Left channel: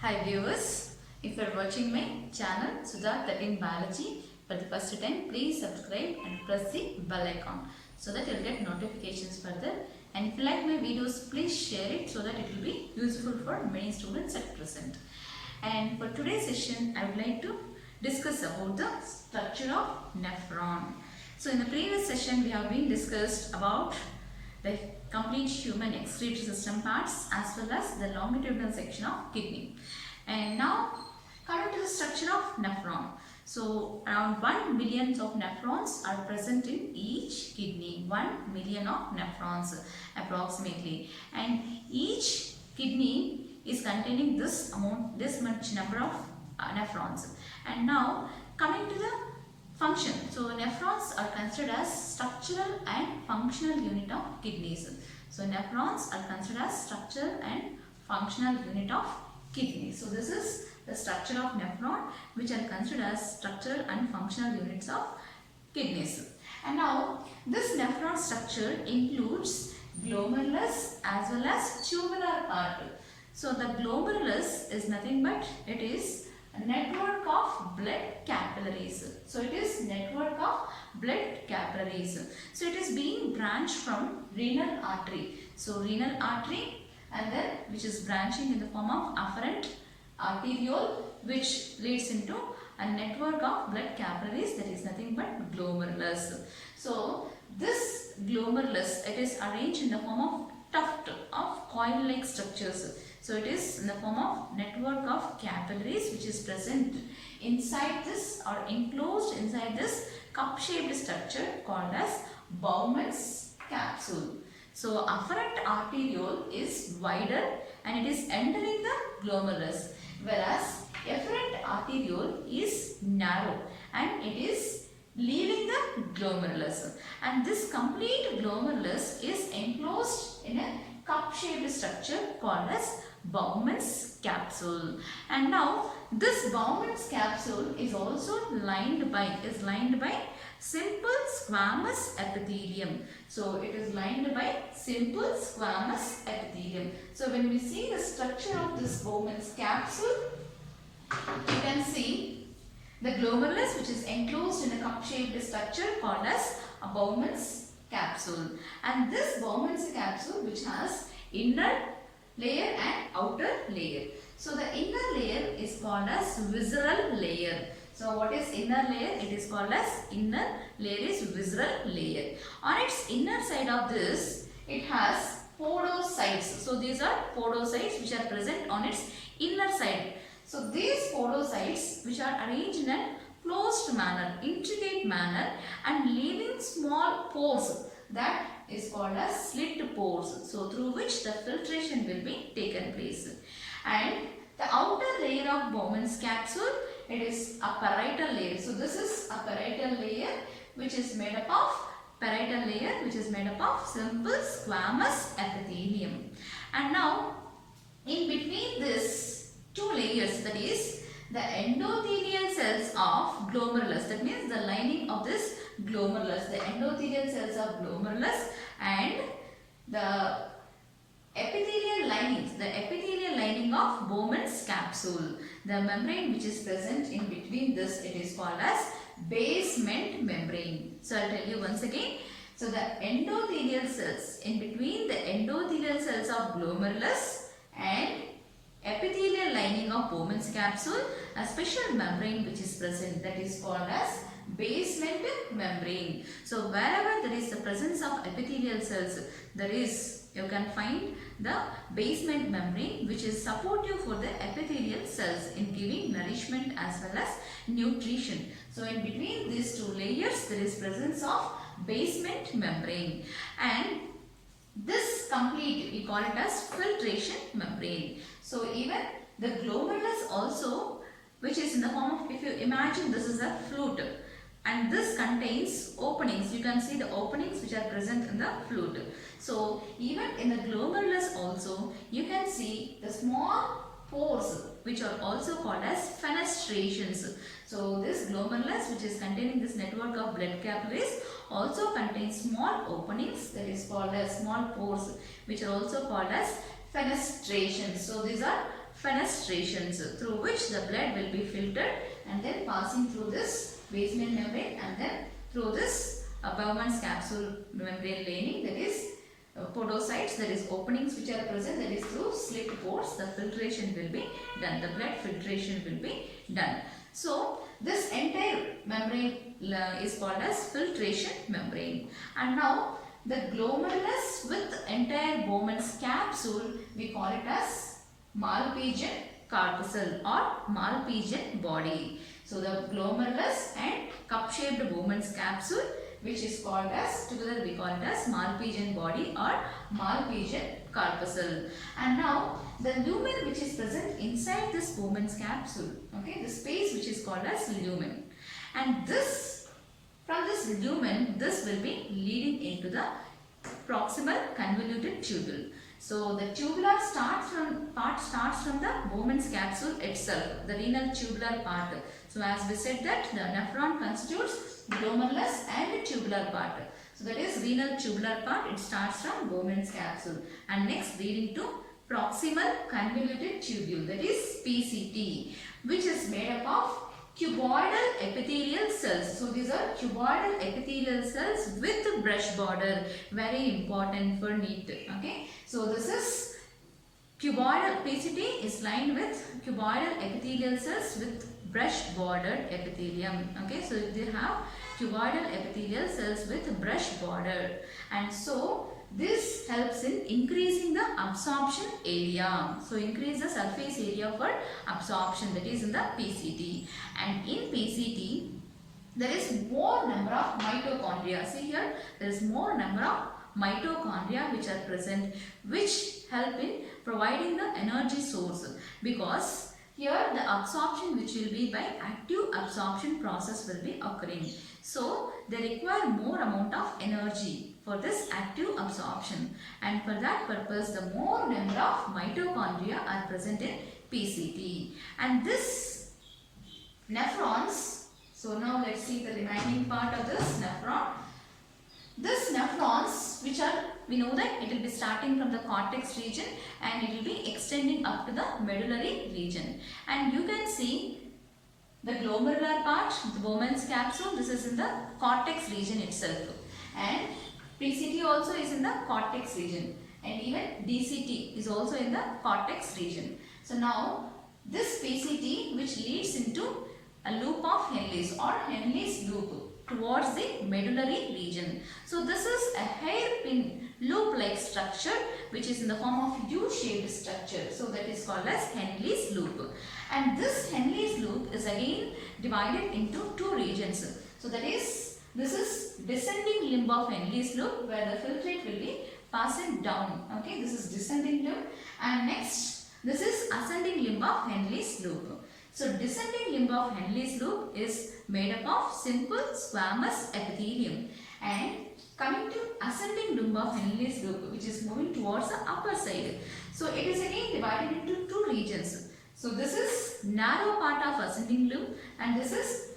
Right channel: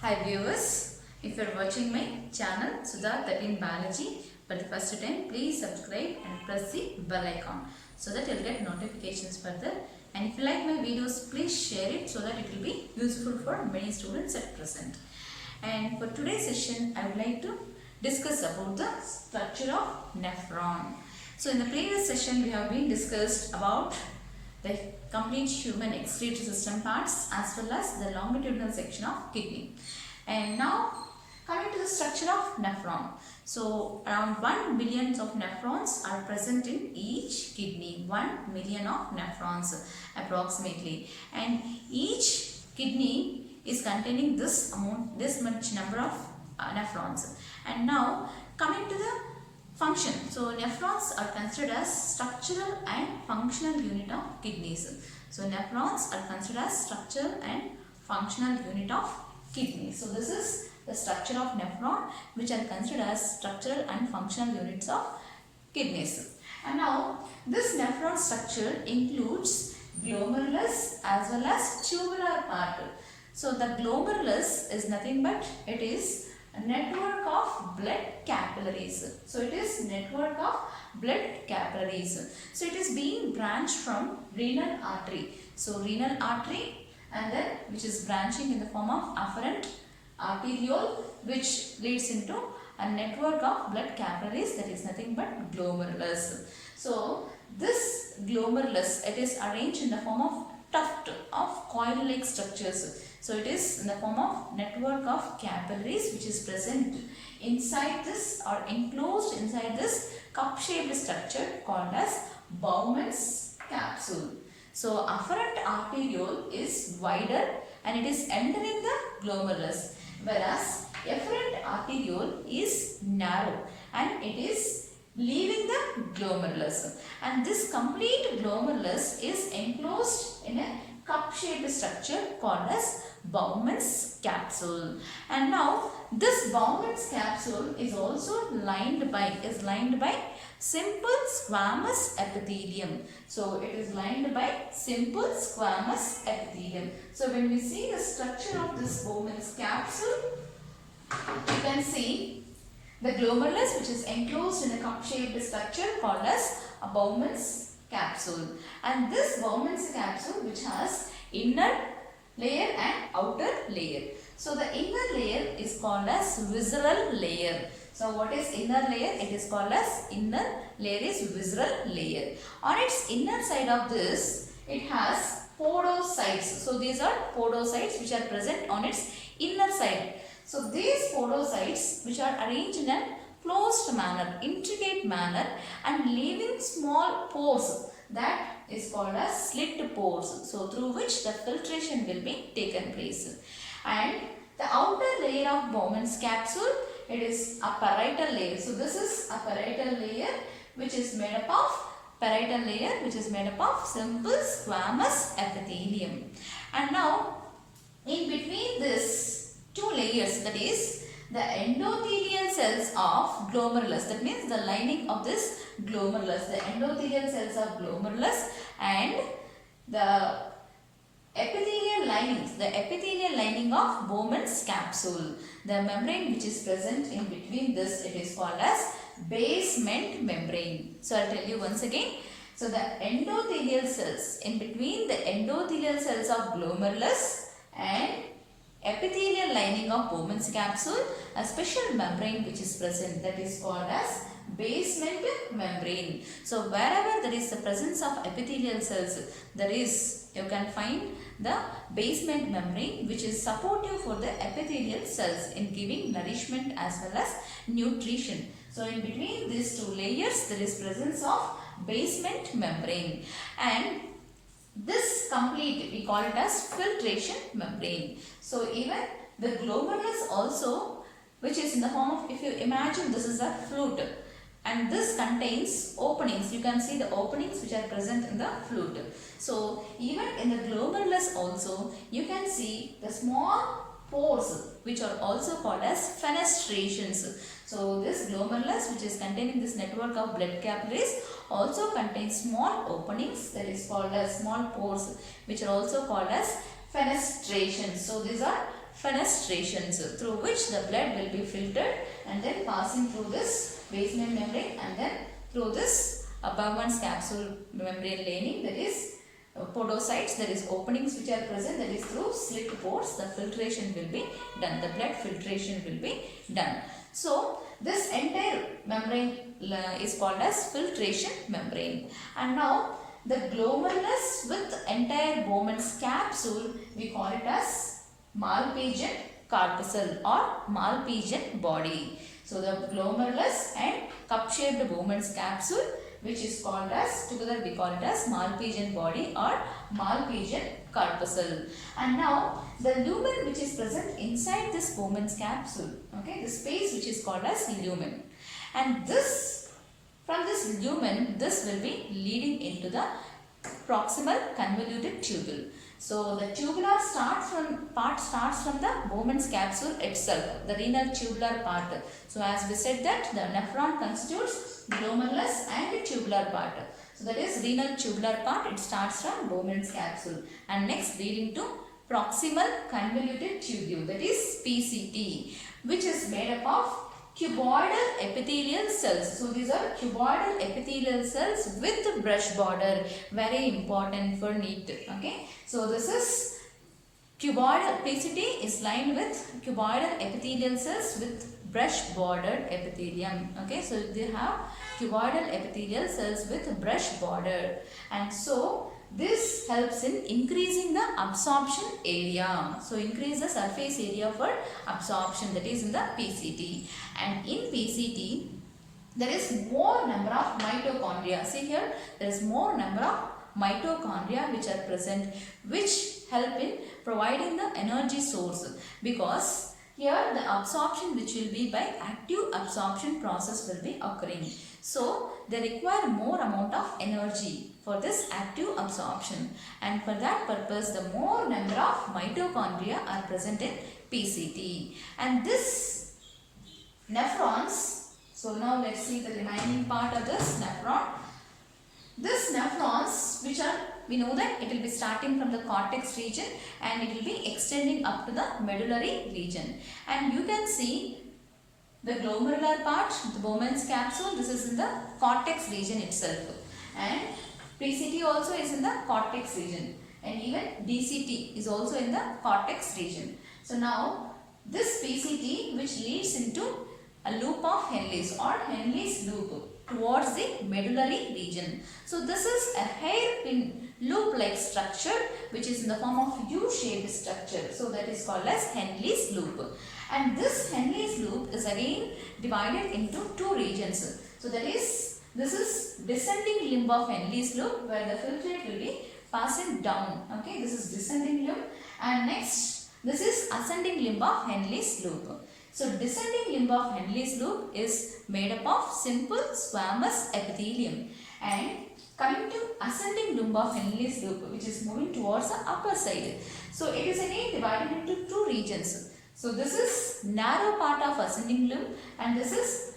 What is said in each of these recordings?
Hi viewers, if you are watching my channel Sudha 13 Biology for the first time, please subscribe and press the bell icon so that you will get notifications further. And if you like my videos, please share it so that it will be useful for many students at present. And for today's session, I would like to discuss about the structure of nephron. So in the previous session, we have been discussed about the complete human excretory system parts as well as the longitudinal section of kidney. And now coming to the structure of nephron. So around 1 million of nephrons are present in each kidney. 1 million of nephrons approximately. And each kidney is containing this much number of nephrons. And now coming to the function. So nephrons are considered as structural and functional unit of kidneys. So nephrons are considered as structural and functional unit of kidneys. So this is the structure of nephron, which are considered as structural and functional units of kidneys. And now this nephron structure includes glomerulus as well as tubular part. So the glomerulus is nothing but it is a network of blood capillaries. So it is network of blood capillaries. So it is being branched from renal artery. So renal artery, and then which is branching in the form of afferent arteriole, which leads into a network of blood capillaries, that is nothing but glomerulus. So this glomerulus, it is arranged in the form of tuft of coil-like structures. So it is in the form of network of capillaries which is present inside this or enclosed inside this cup-shaped structure called as Bowman's capsule. So afferent arteriole is wider and it is entering the glomerulus, whereas efferent arteriole is narrow and it is leaving the glomerulus. And this complete glomerulus is enclosed in a cup-shaped structure called as Bowman's capsule. And now this Bowman's capsule is also lined by simple squamous epithelium. So it is lined by simple squamous epithelium. So when we see the structure of this Bowman's capsule, you can see the glomerulus which is enclosed in a cup-shaped structure called as a Bowman's capsule. And this Bowman's capsule which has inner layer and outer layer. So the inner layer is called as visceral layer. So what is inner layer? It is called as inner layer is visceral layer. On its inner side of this, it has podocytes. So these are podocytes which are present on its inner side. So these podocytes which are arranged in a closed manner, intricate manner and leaving small pores, that is called as slit pores. So through which the filtration will be taken place. And the outer layer of Bowman's capsule, it is a parietal layer. So this is a parietal layer which is made up of simple squamous epithelium. And now in between these two layers, that is the endothelial cells of glomerulus, that means the lining of this glomerulus, the endothelial cells of glomerulus and the epithelial lining of Bowman's capsule. The membrane which is present in between this, it is called as basement membrane. So I'll tell you once again. So the endothelial cells, in between the endothelial cells of glomerulus and epithelial lining of Bowman's capsule, a special membrane which is present, that is called as basement membrane. So wherever there is the presence of epithelial cells, you can find the basement membrane which is supportive for the epithelial cells in giving nourishment as well as nutrition. So in between these two layers, there is presence of basement membrane, and this complete, we call it as filtration membrane. So even the glomerulus also, which is in the form of, if you imagine this is a flute and this contains openings, you can see the openings which are present in the flute. So even in the glomerulus also, you can see the small pores which are also called as fenestrations. So this glomerulus which is containing this network of blood capillaries also contains small openings, that is called as small pores, which are also called as fenestrations. So these are fenestrations through which the blood will be filtered and then passing through this basement membrane and then through this Bowman's capsule membrane lining, that is podocytes, that is openings which are present, that is through slit pores the filtration will be done, the blood filtration will be done. So this entire membrane is called as filtration membrane. And now the glomerulus with entire Bowman's capsule, we call it as Malpighian corpuscle or Malpighian body. So the glomerulus and cup-shaped Bowman's capsule, which is called as, together we call it as Malpighian body or Malpighian corpuscle. And now the lumen which is present inside this Bowman's capsule, okay, the space which is called as lumen. And this, from this lumen, this will be leading into the proximal convoluted tubule. So the tubular part starts from the Bowman's capsule itself, the renal tubular part. So as we said that the nephron constitutes glomerulus and tubular part. So that is renal tubular part, it starts from Bowman's capsule and next leading to proximal convoluted tubule, that is PCT, which is made up of cuboidal epithelial cells. So these are cuboidal epithelial cells with brush border, very important for NEET. Okay, so this is cuboidal, PCT is lined with cuboidal epithelial cells with brush bordered epithelium. Okay, so they have cuboidal epithelial cells with brush border, and so this helps in increasing the absorption area. So increase the surface area for absorption, that is in the PCT. And in PCT there is more number of mitochondria. See here, there is more number of mitochondria which are present, which help in providing the energy source, because here the absorption which will be by active absorption process will be occurring. So they require more amount of energy for this active absorption, and for that purpose the more number of mitochondria are present in PCT. And this nephrons, so now let's see the remaining part of this nephron. This nephrons, which are, we know that it will be starting from the cortex region and it will be extending up to the medullary region. And you can see the glomerular part, the Bowman's capsule, this is in the cortex region itself. And PCT also is in the cortex region. And even DCT is also in the cortex region. So now this PCT, which leads into a loop of Henle's or Henle's loop towards the medullary region. So this is a hairpin loop-like structure which is in the form of U-shaped structure. So that is called as Henle's loop. And this Henle's loop is again divided into two regions. So that is, this is descending limb of Henle's loop where the filtrate will be passing down. Okay, this is descending limb, and next this is ascending limb of Henle's loop. So descending limb of Henle's loop is made up of simple squamous epithelium, and coming to ascending limb of Henle's loop, which is moving towards the upper side. So it is again divided into two regions. So this is narrow part of ascending limb and this is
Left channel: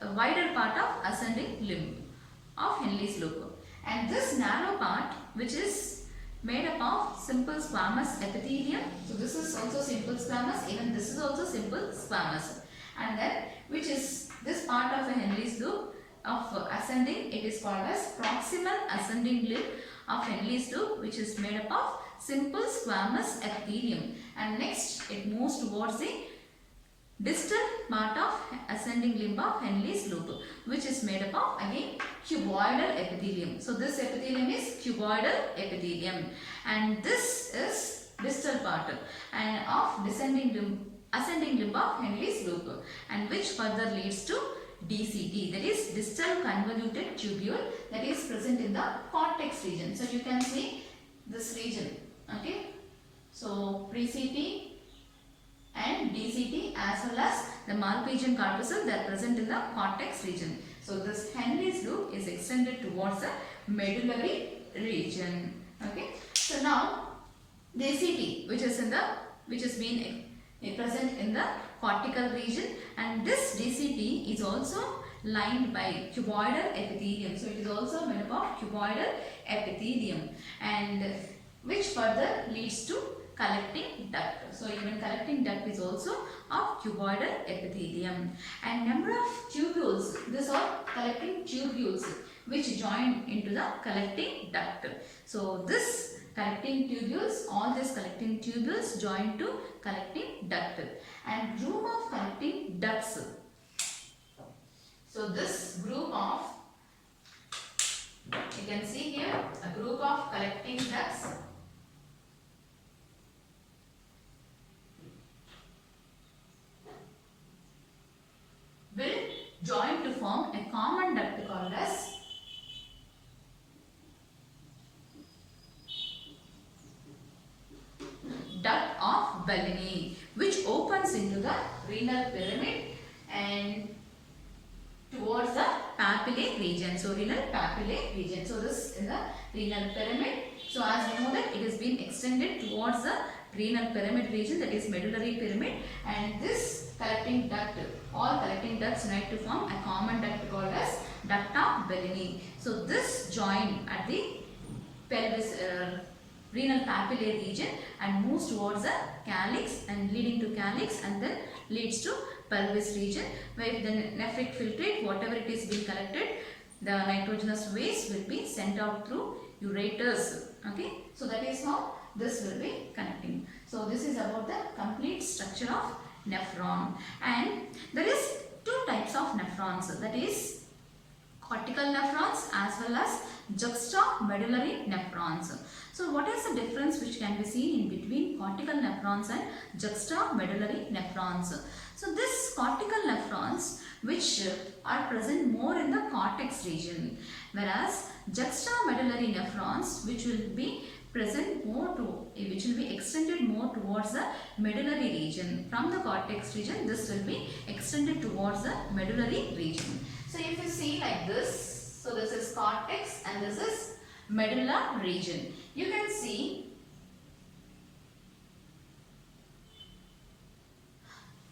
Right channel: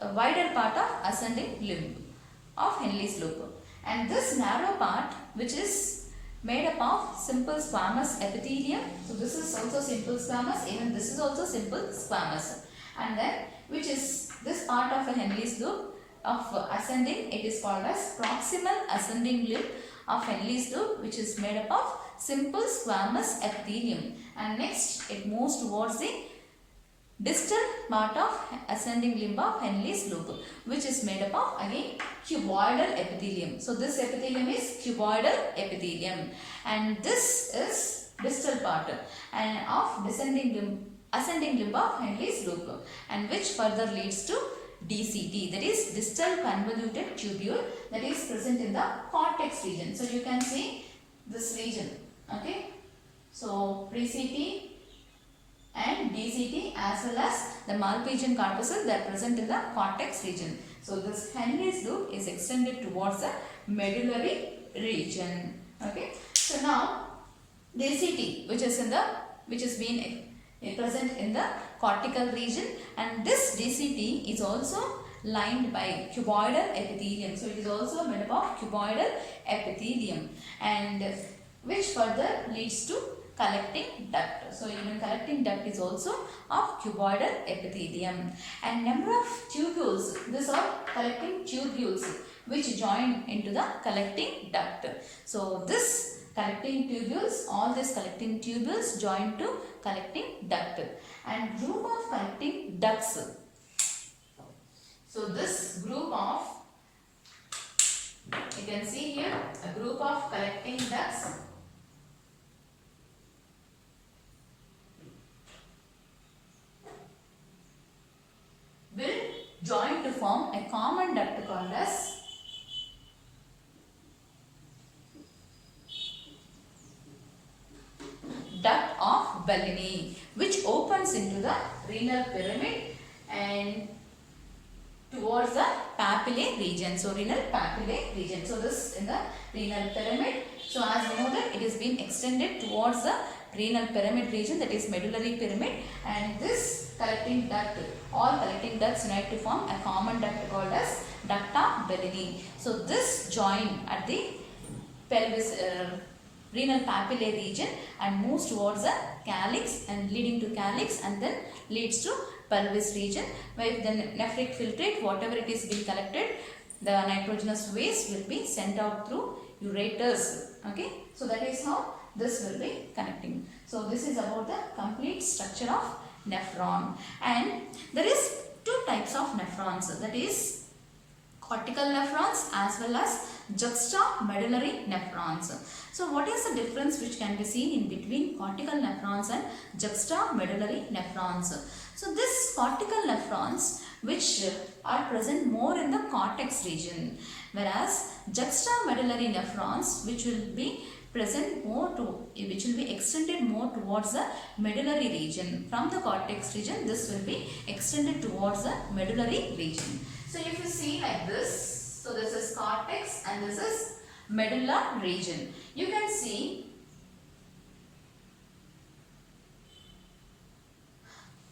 a wider part of ascending limb of Henle's loop. And this narrow part, which is made up of simple squamous epithelium. So this is also simple squamous, even this is also simple squamous. And then which is this part of a Henle's loop of ascending, it is called as proximal ascending limb of Henle's loop, which is made up of simple squamous epithelium. And next it moves towards the distal part of ascending limb of Henle's loop, which is made up of again cuboidal epithelium. So this epithelium is cuboidal epithelium, and this is distal part and of ascending limb of Henle's loop, and which further leads to DCT, that is distal convoluted tubule, that is present in the cortex region. So you can see this region. Okay, so PCT and DCT as well as the Malpighian corpuscle, they are present in the cortex region. So this Henle's loop is extended towards the medullary region. Okay, so now DCT, which is being present in the cortical region, and this DCT is also lined by cuboidal epithelium. So it is also made up of cuboidal epithelium, and which further leads to collecting duct. So even collecting duct is also of cuboidal epithelium. And number of tubules, these are collecting tubules which join into the collecting duct. So this collecting tubules, all these collecting tubules join to collecting duct. And group of collecting ducts. So this group of, you can see here, a group of collecting ducts will join to form a common duct called as duct of Bellini, which opens into the renal pyramid and towards the papillae region. So renal papillae region. So this in the renal pyramid. So as you know that it is being extended towards the renal pyramid region, that is medullary pyramid, and this collecting duct, all collecting ducts unite to form a common duct called as duct of Bellini. So this join at the pelvis, renal papillae region and moves towards the calyx and leading to calyx and then leads to pelvis region, where the nephric filtrate, whatever it is being collected, the nitrogenous waste will be sent out through ureters. Okay, so that is how this will be connecting. So this is about the complete structure of nephron. And there is two types of nephrons, that is cortical nephrons as well as juxtamedullary nephrons. So what is the difference which can be seen in between cortical nephrons and juxtamedullary nephrons? So this cortical nephrons which are present more in the cortex region, whereas juxtamedullary nephrons which will be present more to, which will be extended more towards the medullary region. From the cortex region, this will be extended towards the medullary region. So if you see like this, so this is cortex and this is medulla region. You can see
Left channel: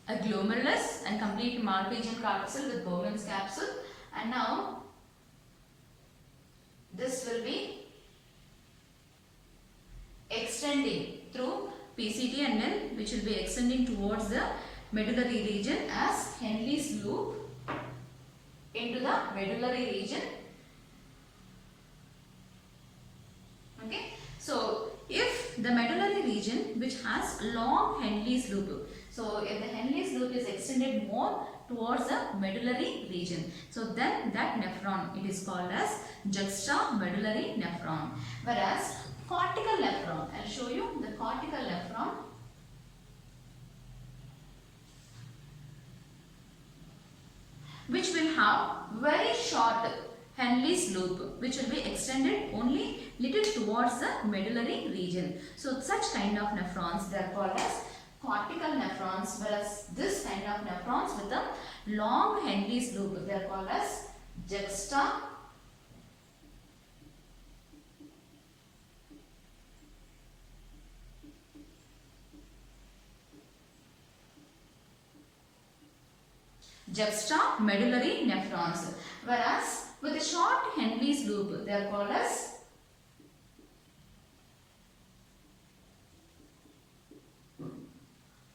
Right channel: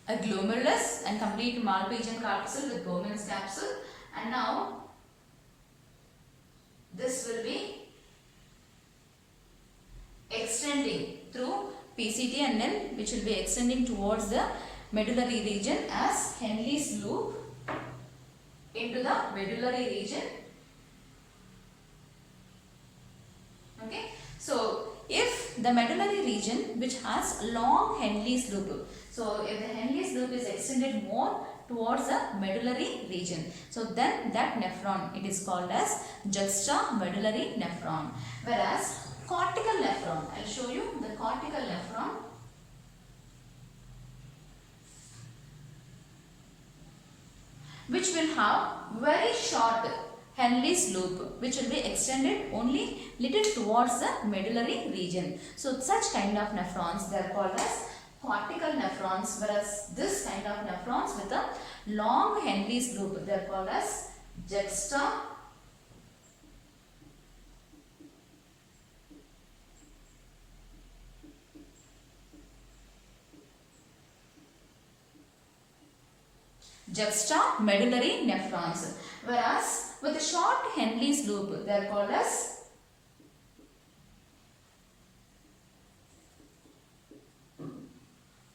a glomerulus and complete Malpighian corpuscle with Bowman's capsule, and now this will be extending through PCT and then which will be extending towards the medullary region as Henle's loop into the medullary region. Okay, so if the medullary region which has a long Henle's loop, so if the Henle's loop is extended more towards the medullary region, so then that nephron, it is called as juxtamedullary nephron. Whereas cortical nephron, I will show you the cortical nephron. Which will have very short Henle's loop, which will be extended only little towards the medullary region. So such kind of nephrons, they are called as cortical nephrons, whereas this kind of nephrons with a long Henle's loop, they are called as juxtamedullary nephrons, whereas with a short Henle's loop, they are called as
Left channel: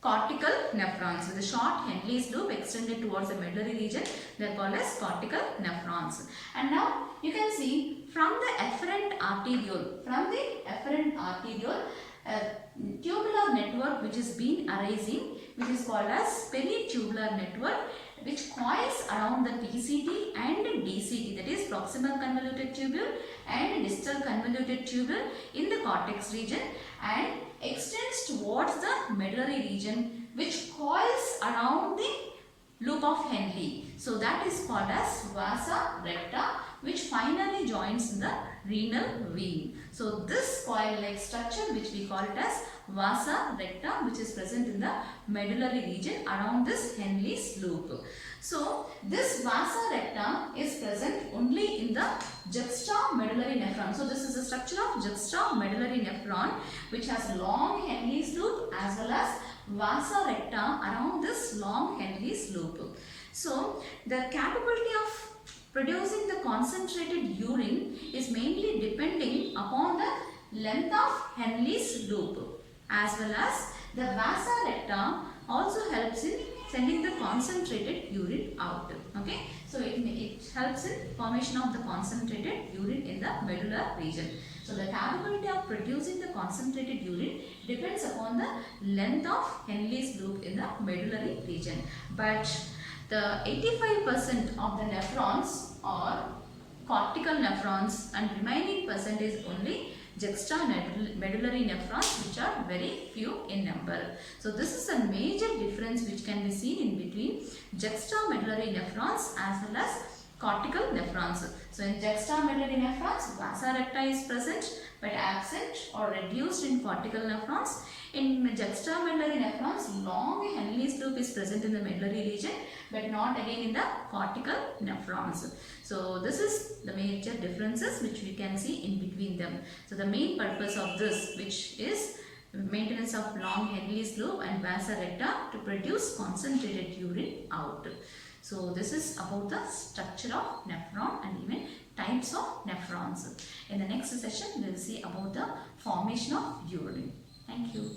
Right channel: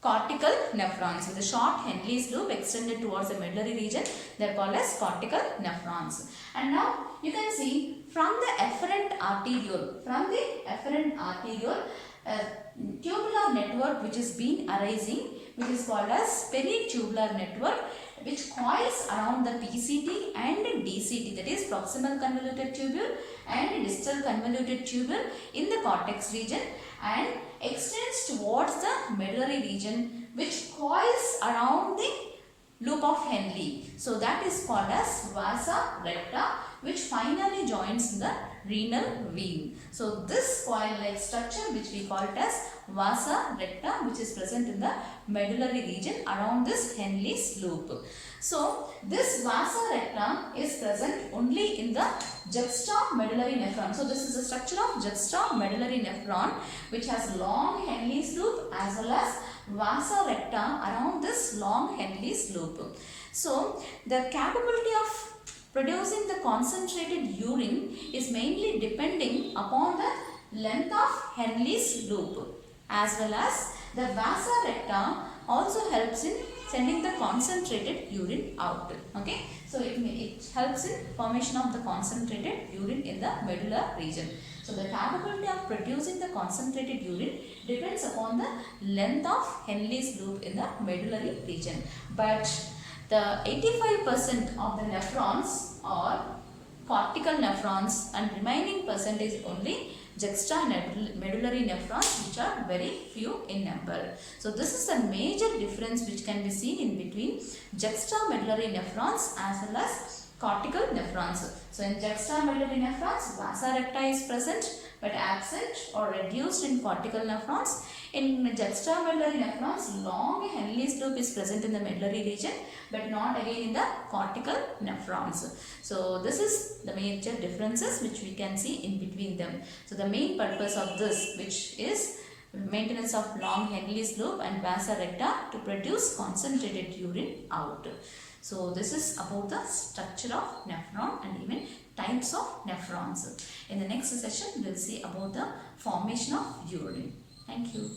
cortical nephrons. With a short Henle's loop extended towards the medullary region, they are called as cortical nephrons. And now you can see from the efferent arteriole, a tubular network which is being arising, which is called as peritubular network, which coils around the PCT and DCT, that is proximal convoluted tubule and distal convoluted tubule in the cortex region, and extends towards the medullary region, which coils around the loop of Henle. So that is called as vasa recta, which finally joins the renal vein. So this coil-like structure, which we call it as vasa recta, which is present in the medullary region around this Henle's loop. So this vasa recta is present only in the juxtamedullary nephron. So this is the structure of juxtamedullary nephron, which has long Henle's loop as well as vasa recta around this long Henle's loop. So the capability of producing the concentrated urine is mainly depending upon the length of Henle's loop as well as the vasa recta also helps in sending the concentrated urine out. Okay, so it helps in formation of the concentrated urine in the medulla region. So the capability of producing the concentrated urine depends upon the length of Henle's loop in the medullary region. But the 85% of the nephrons are cortical nephrons and remaining percent is only juxtamedullary nephrons, which are very few in number. So this is a major difference which can be seen in between juxtamedullary nephrons as well as cortical nephrons. So in juxtamedullary nephrons, vasa recta is present but absent or reduced in cortical nephrons. In juxtamedullary nephrons, long Henle's loop is present in the medullary region but not again in the cortical nephrons. So this is the major differences which we can see in between them. So the main purpose of this, which is maintenance of long Henle's loop and vasa recta to produce concentrated urine out. So this is about the structure of nephron and even types of nephrons. In the next session, we will see about the formation of urine. Thank you.